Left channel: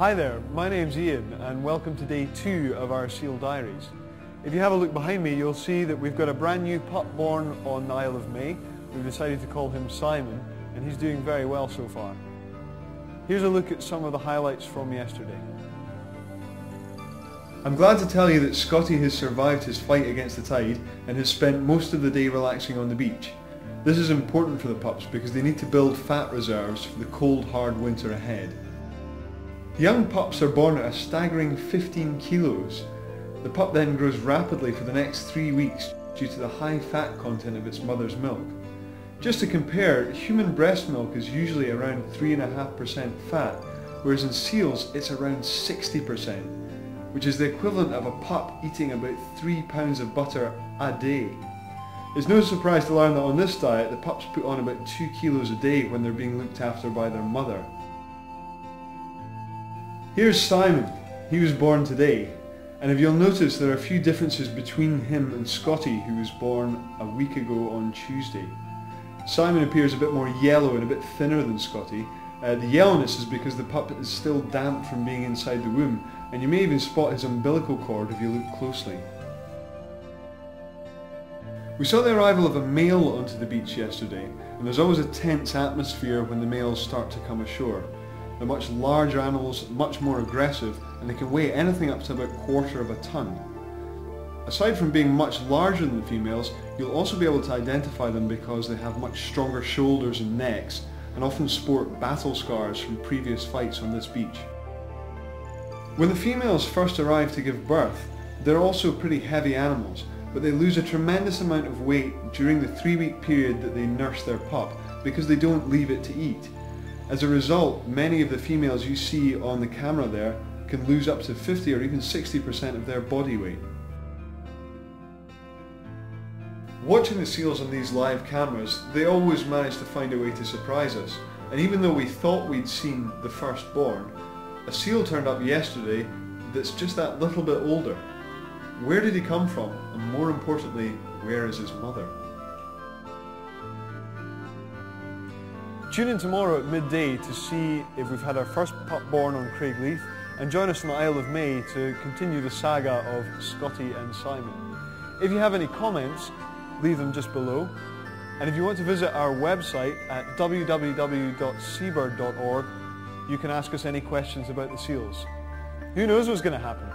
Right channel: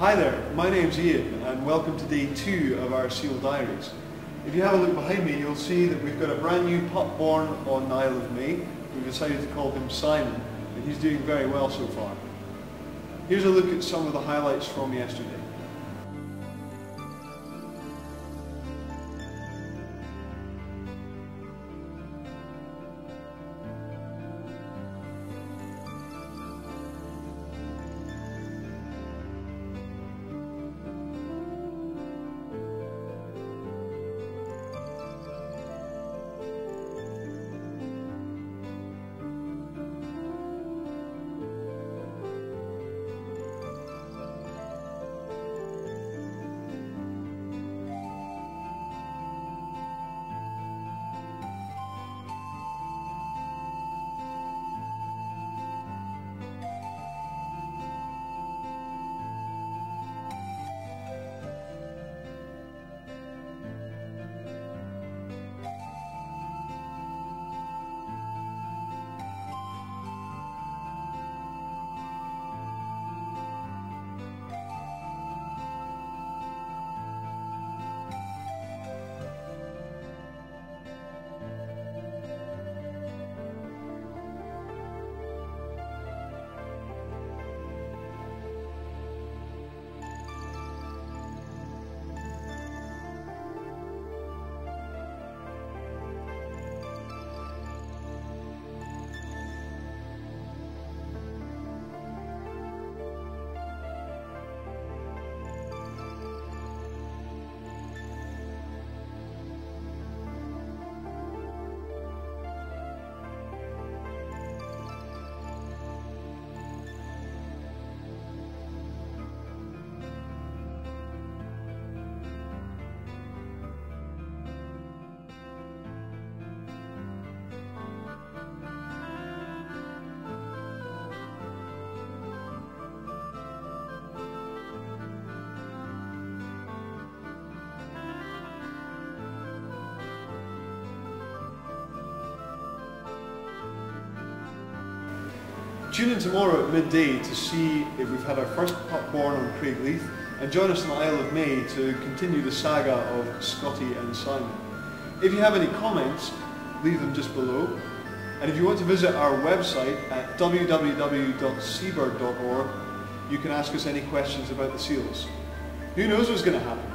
Hi there, my name's Ian and welcome to day 2 of our seal diaries. If you have a look behind me, you'll see that we've got a brand new pup born on the Isle of May. We've decided to call him Simon and he's doing very well so far. Here's a look at some of the highlights from yesterday. I'm glad to tell you that Scottie has survived his fight against the tide and has spent most of the day relaxing on the beach. This is important for the pups because they need to build fat reserves for the cold, hard winter ahead. The young pups are born at a staggering 15 kilos. The pup then grows rapidly for the next 3 weeks due to the high fat content of its mother's milk. Just to compare, human breast milk is usually around 3.5% fat, whereas in seals it's around 60%, which is the equivalent of a pup eating about 3 pounds of butter a day. It's no surprise to learn that on this diet the pups put on about 2 kilos a day when they're being looked after by their mother. Here's Simon. He was born today, and if you'll notice there are a few differences between him and Scottie, who was born a week ago on Tuesday. Simon appears a bit more yellow and a bit thinner than Scottie. The yellowness is because the pup is still damp from being inside the womb, and you may even spot his umbilical cord if you look closely. We saw the arrival of a male onto the beach yesterday, and there's always a tense atmosphere when the males start to come ashore. They're much larger animals, much more aggressive, and they can weigh anything up to about 1/4 of a ton. Aside from being much larger than the females, you'll also be able to identify them because they have much stronger shoulders and necks, and often sport battle scars from previous fights on this beach. When the females first arrive to give birth, they're also pretty heavy animals, but they lose a tremendous amount of weight during the 3-week period that they nurse their pup because they don't leave it to eat. As a result, many of the females you see on the camera there can lose up to 50 or even 60% of their body weight. Watching the seals on these live cameras, they always manage to find a way to surprise us, and even though we thought we'd seen the firstborn, a seal turned up yesterday that's just that little bit older. Where did he come from? And more importantly, where is his mother? Tune in tomorrow at midday to see if we've had our first pup born on Craigleith, and join us on the Isle of May to continue the saga of Scottie and Simon. If you have any comments, leave them just below. And if you want to visit our website at www.seabird.org, you can ask us any questions about the seals. Who knows what's going to happen?